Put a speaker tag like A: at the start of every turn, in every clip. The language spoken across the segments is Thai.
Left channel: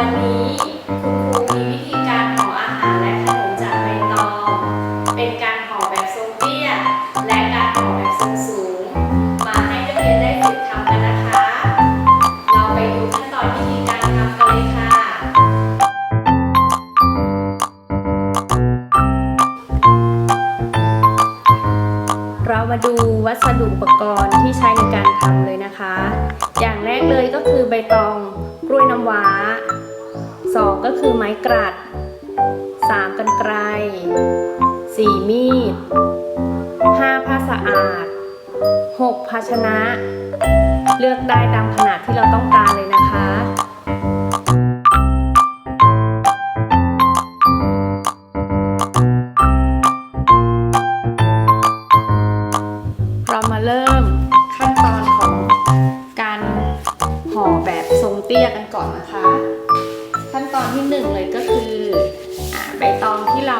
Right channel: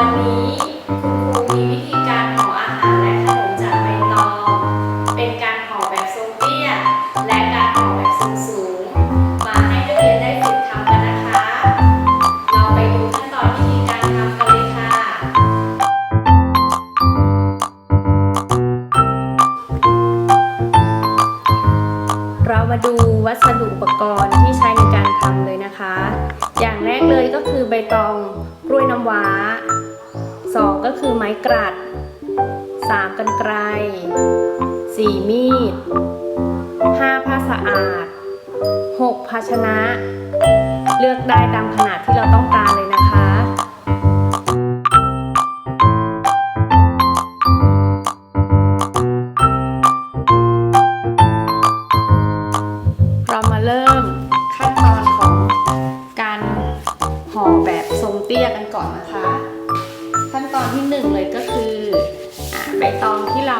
A: วันนี้คุณครูมีวิธีการห่ออาหารและขนมจากใบตอง เป็นการห่อแบบทรงเตี้ย และการห่อแบบทรงสูง มาให้นักเรียนได้ฝึกทำกันนะคะ เราไปดูขั้นตอนวิธีการทำกันเลยค่ะ เรามาดู วัสดุอุปกรณ์ที่ใช้ในการทำเลยนะคะ อย่างแรกเลยก็คือใบตองกล้วยน้ำว้า 2 ก็คือไม้กรัด 3 กันไกร 4 มีด 5 ผ้าสะอาด 6 ภาชนะ เลือกได้ตามขนาดที่เราต้องการเลยนะคะ เรามาเริ่มขั้นตอนของการห่อแบบทรงเตี้ยกันก่อนนะคะ ขั้นตอนที่หนึ่งเลยก็คืออใบตองที่เรา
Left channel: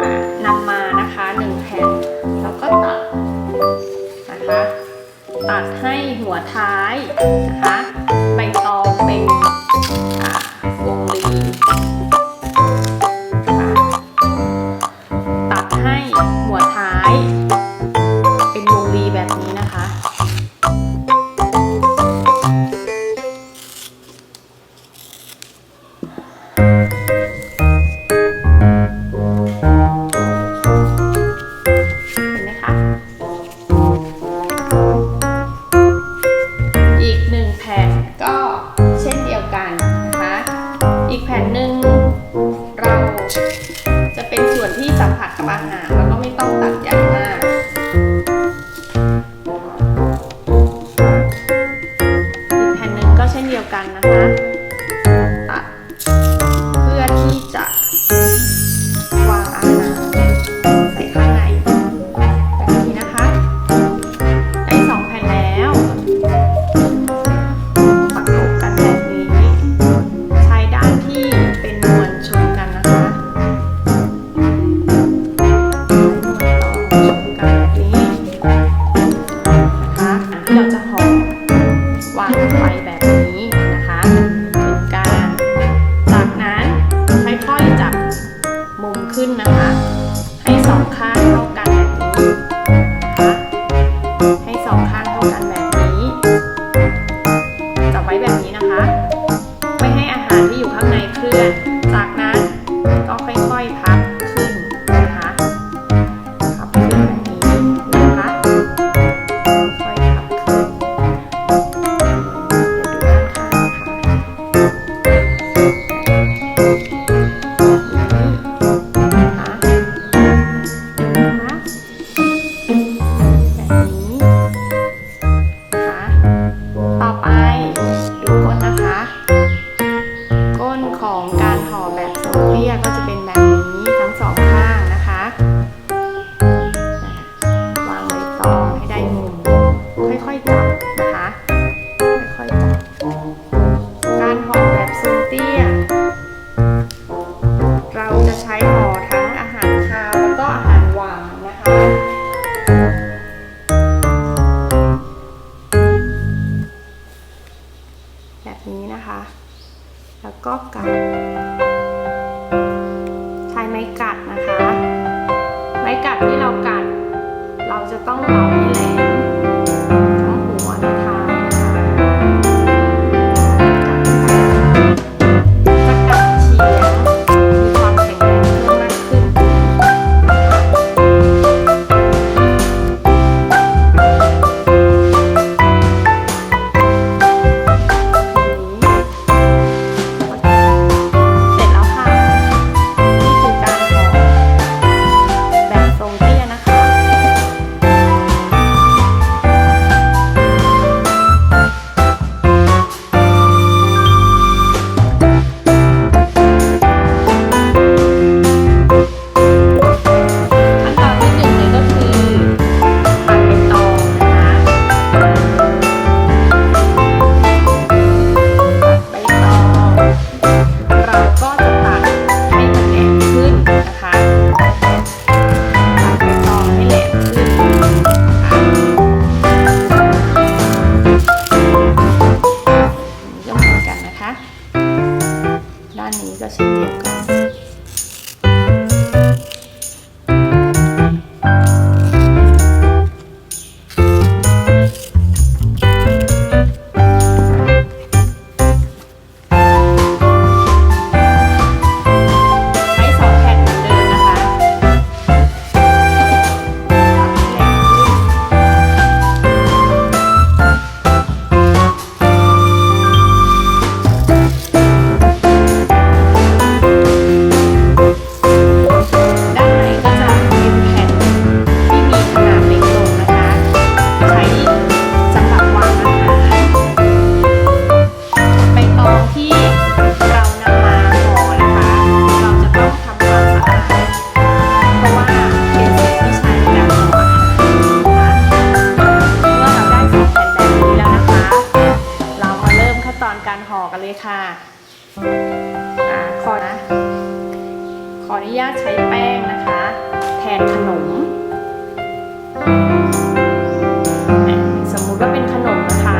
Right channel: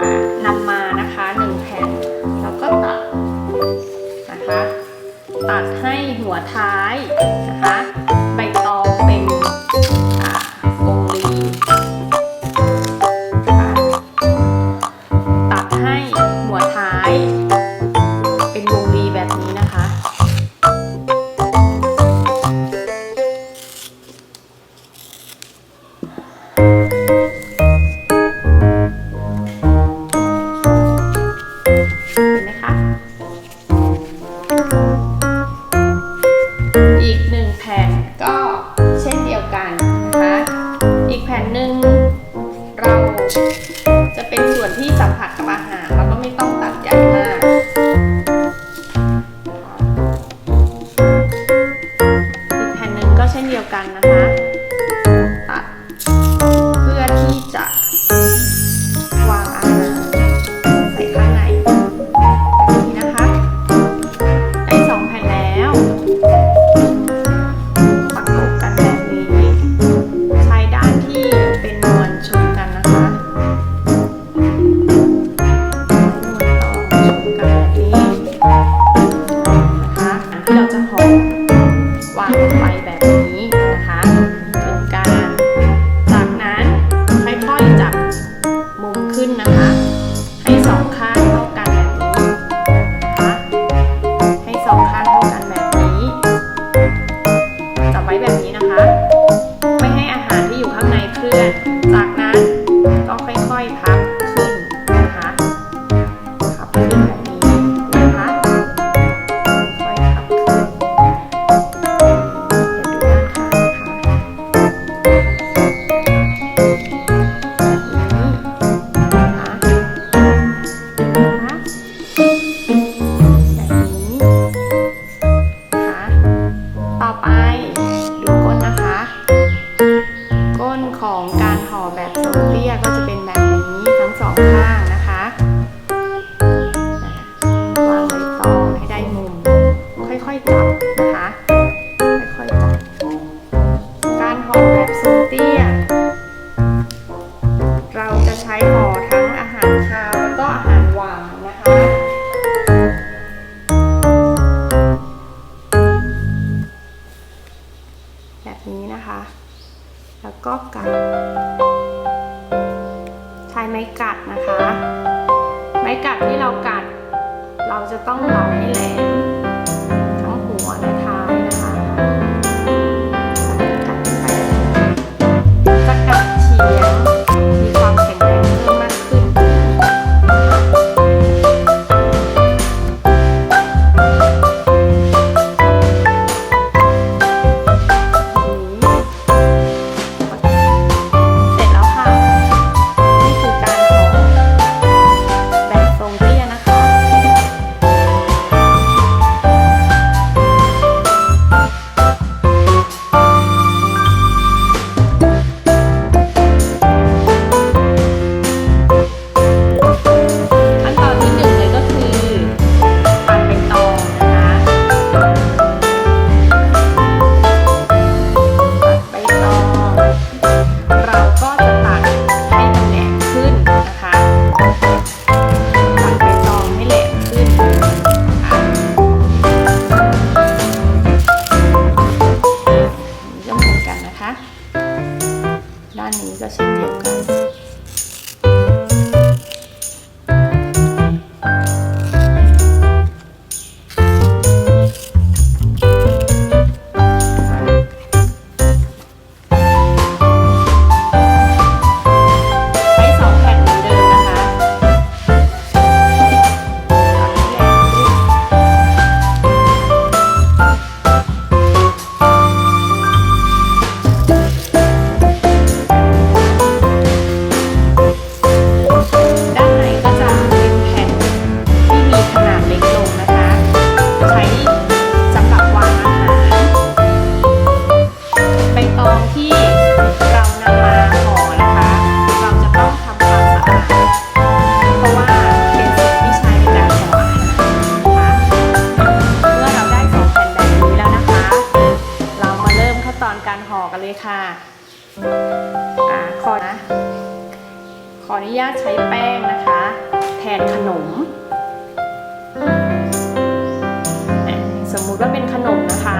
A: อ่านำมานะคะหนึ่งแผ่นแล้วก็ตัดนะคะ ตัดให้หัวท้ายนะคะ อีกแผ่นหนึ่งเราจะเป็นส่วนที่สัมผัสกับอาหาร ให้สองข้างเท่ากันแบบนี้นะคะให้สองข้างเท่ากันแบบนี้จับไว้แบบนี้นะคะ ไม่ให้อาหารที่อยู่ข้างในเคลื่อน จากนั้นก็ค่อยๆพับขึ้นนะคะพับขึ้นแบบ อยๆจับนะคะ ค่อยๆจับ การห่อแบบทรงเตี้ย เราจะใช้ห่อทั้งอาหารคาวแล้วก็อาหารหวานนะคะ แบบนี้นะคะ แล้วก็กัด ใช้ไม้กัดนะคะ ไม้กัดที่เรากัด เราจะต้องเหลาให้แหลม 安利一个新店开 ช้แป้งนะคะ แทนขนม สมมุติว่าเป็นขนมนะคะ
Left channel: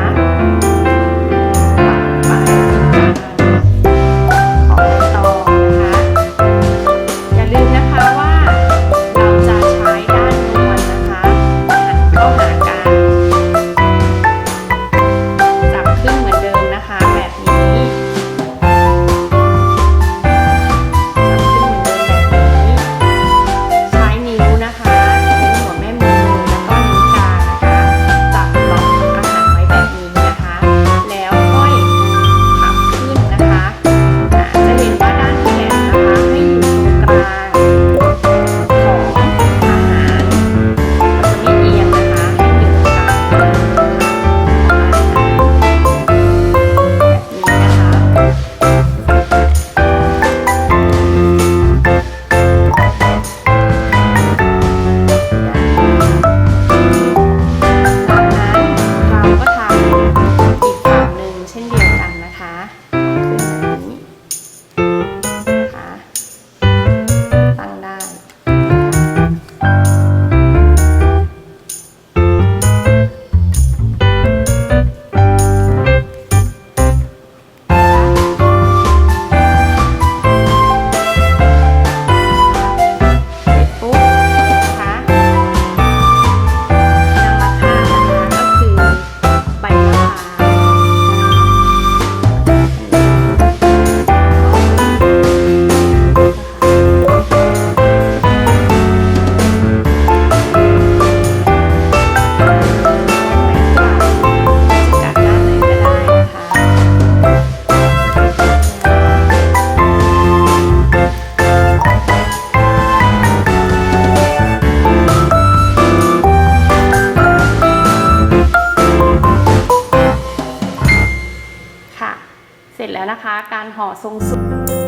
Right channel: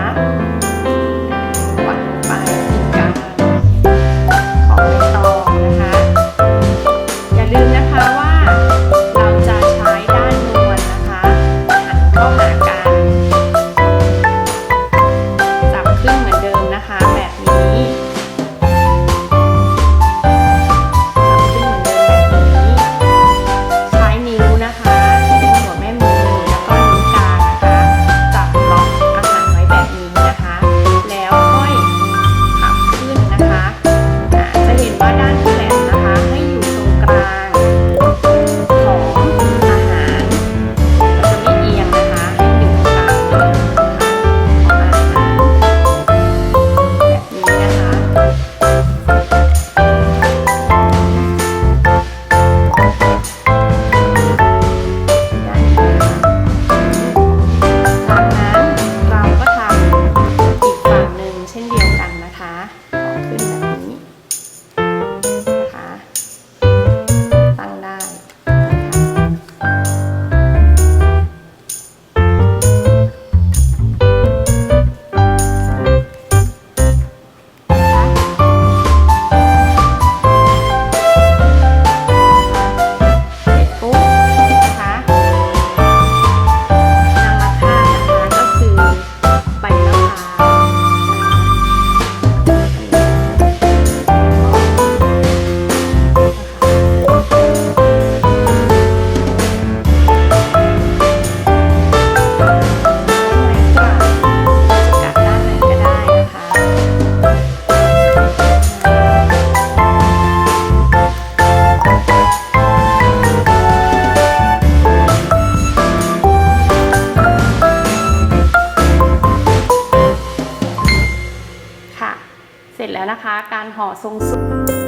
A: 松松。